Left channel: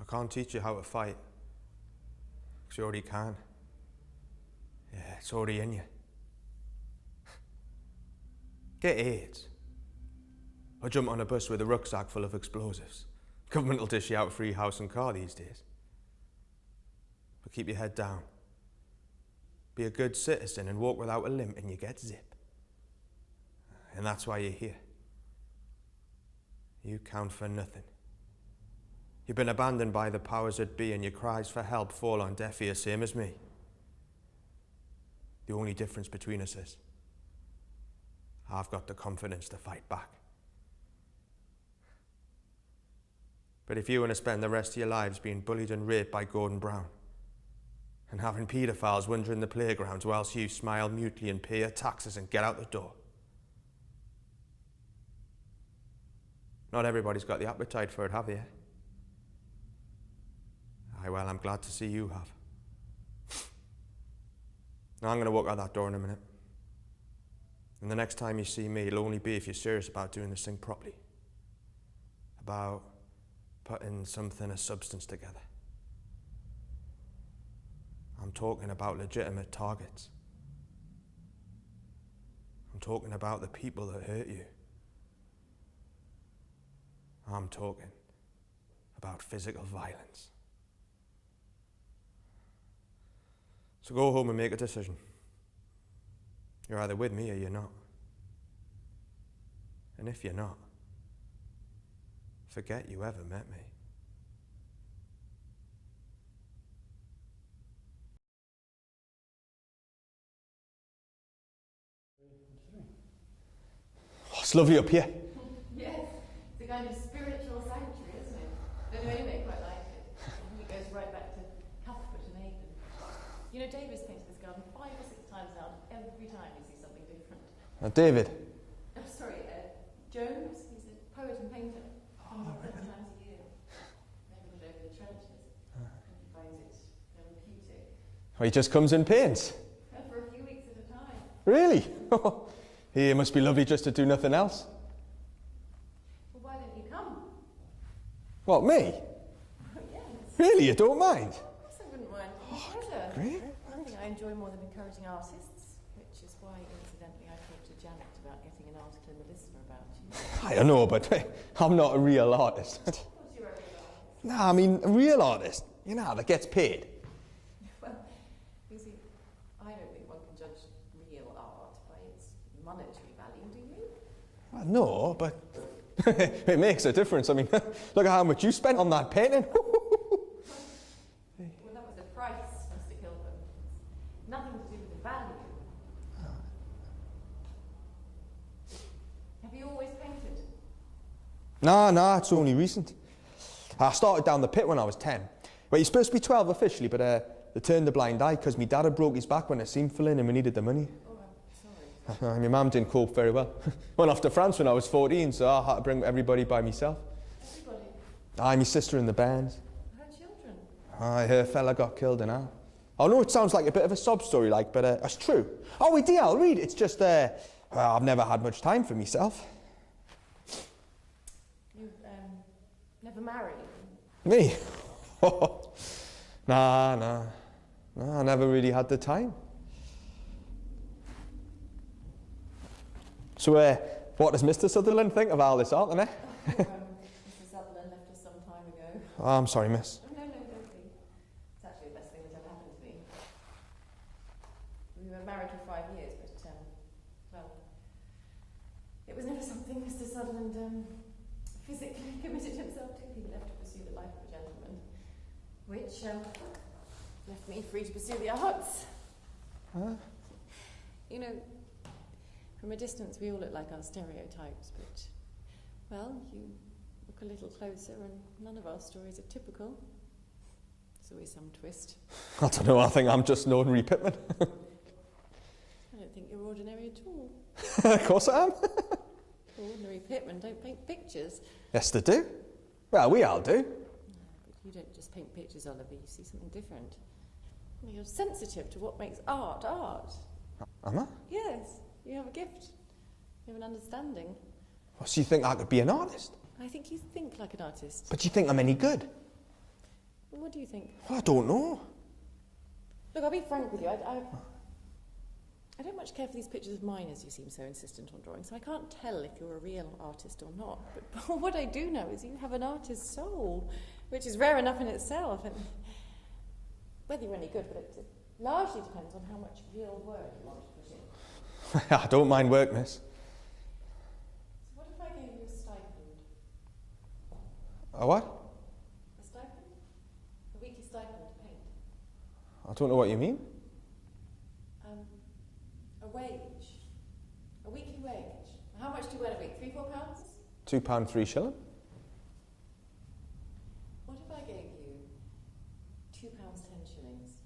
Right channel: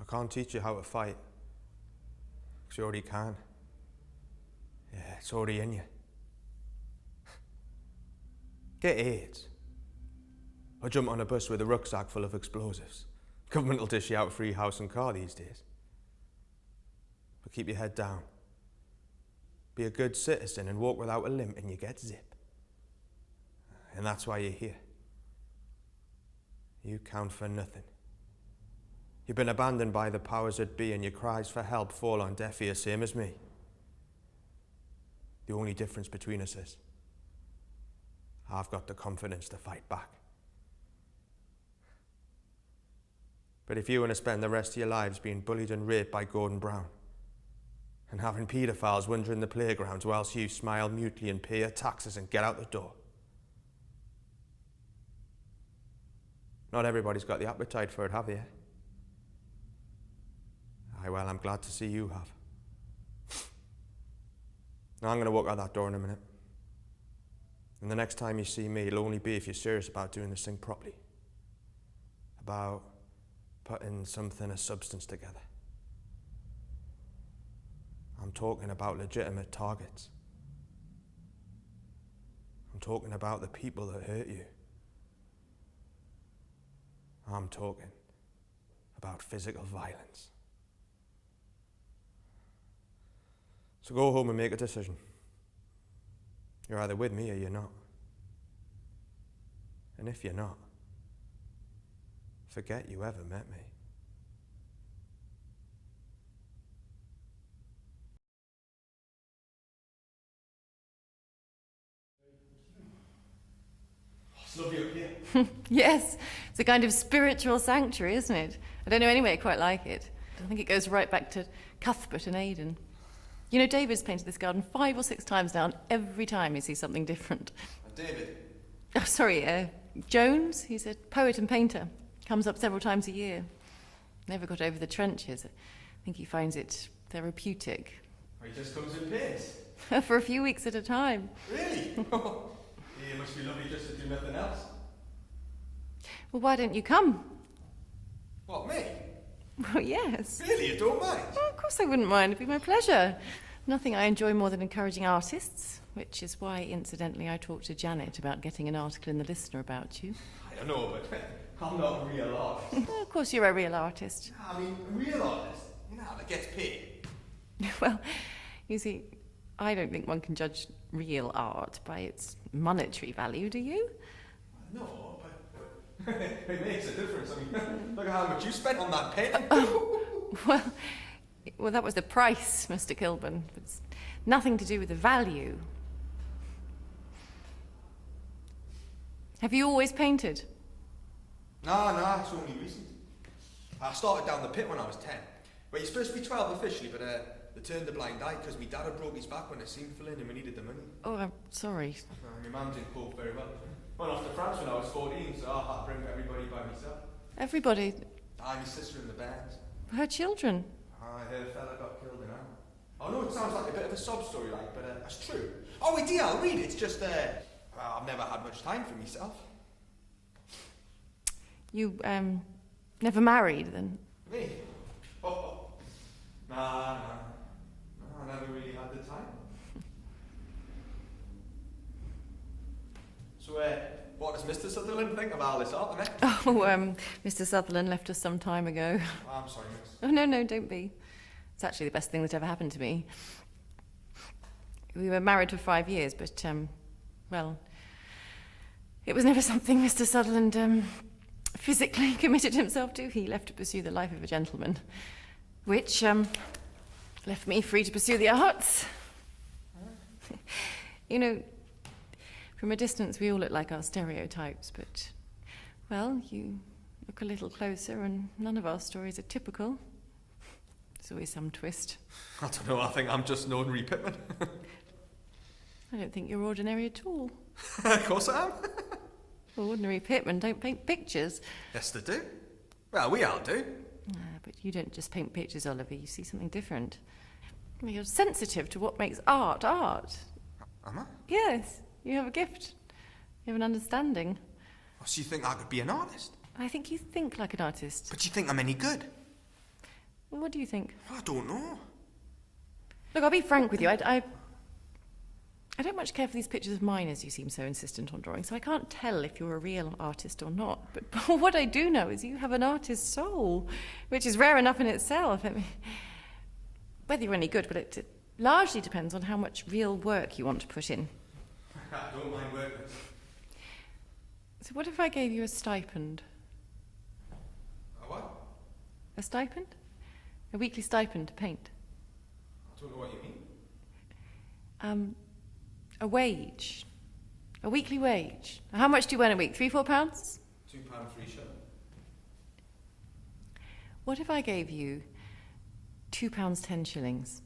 I can't teach you how to fight, because you already can. Yeah, it's already in you. Get AIDS. Or jump on a bus with a rucksack full of explosives. Government will dish you out free house and car these days. But keep your head down. Be a good citizen and walk without a limp and you get zip. And that's why you're here. You count for nothing. You've been abandoned by the powers that be and your cries for help fall on deaf ears, same as me. The only difference between us is I've got the confidence to fight back. But if you want to spend the rest of your lives being bullied and raped by Gordon Brown and having paedophiles wandering the playgrounds whilst you smile mutely and pay your taxes and get out the door, not everybody's got the appetite for it, have they? Aye, well, I'm glad to see you have. Now I'm going to walk out that door in a minute. And the next time you see me, it'll only be if you're serious about doing this thing properly. About putting something of substance together. I'm talking about legitimate targets. I'm talking about the people that hurt you. I'm talking about physical violence. So go home and make a decision. You're either with me or you're not. And if you're not, forget you ever met me. Oh, it's lovely up here. Yes, it's a kind of spiritual sanctuary, isn't it? I don't know anyway quite like it. I think it goes right back to Cuthbert and Aidan. You know, David's painted this garden 5 or 6 times now, and every time you see something different. David? Oh, sorry, Jones. He's a poet and painter. Comes up several times a year. Never got over the trenches. I think he finds it therapeutic. Oh, he just comes and paints? For a few weeks at a time. Really? It must be lovely just to do nothing else. Well, why don't you come? What, me? Well, yes. Really, you don't mind? Oh, of course I wouldn't mind. It'd be my pleasure. Nothing I enjoy more than encouraging artists, which is why, incidentally, I talked to Janet about getting an article in the Listener about you. I don't know, but I'm not a real artist. Oh, of course you're a real artist. No, I mean, a real artist. You know, that gets paid. Well, you see, I don't think one can judge real art by its monetary value, do you? Well, no, but it makes a difference. I mean, look at how much you spent on that painting. Well, that was the price, Mr. Kilburn. It's nothing to do with the value. Have you always painted? No, it's only recent. I started down the pit when I was 10. Well, you're supposed to be 12 officially, but they turned the blind eye because my dad had broke his back when it seemed full in and we needed the money. Oh, I'm sorry. My mum didn't cope very well. Went off to France when I was 14, so I had to bring everybody by myself. Everybody? Aye, my sister and the bairns. Her children? Aye, her fella got killed in her. I know it sounds like a bit of a sob story, like, but that's true. Oh, dear, I'll read it. It's just, well, I've never had much time for myself. You, never married, then? Me? Nah, I never really had the time. So, what does Mr. Sutherland think of all this art, then? Oh, Mr. Sutherland left us some time ago. Oh, I'm sorry, miss. Oh, no, don't be. It's actually the best thing that ever happened to me. We were married for 5 years, but, well, it was never something Mr. Sutherland, physically committed himself to. He left to pursue the life of a gentleman, which, left me free to pursue the arts. You know, from a distance we all look like our stereotypes, but, well, you look a little closer and none of our stories are typical. There's always some twist. I don't know, I think I'm just an ordinary pitman. I don't think you're ordinary at all. Of course I am. Ordinary pitmen don't paint pictures. Yes, they do. Well, we all do. But you don't just paint pictures, Oliver. You see something different. Well, you're sensitive to what makes art art. Am I? Yes, you have a gift. You have an understanding. Oh, so you think I could be an artist? I think you think like an artist. But you think I'm any good? Well, what do you think? I don't know. Look, I'll be frank with you. I don't much care for these pictures of mine, as you seem so insistent on drawing, so I can't tell if you're a real artist or not. But what I do know is you have an artist's soul, which is rare enough in itself. I mean, whether you're any good, but it largely depends on how much real work you want to put in. I don't mind work, miss. So what if I gave you a stipend? A what? A stipend? A weekly stipend to paint. I don't know what you mean. A wage. A weekly wage. How much do you earn a week? £3, £4? £2, 3 shilling. What if I gave you £2, 10 shillings?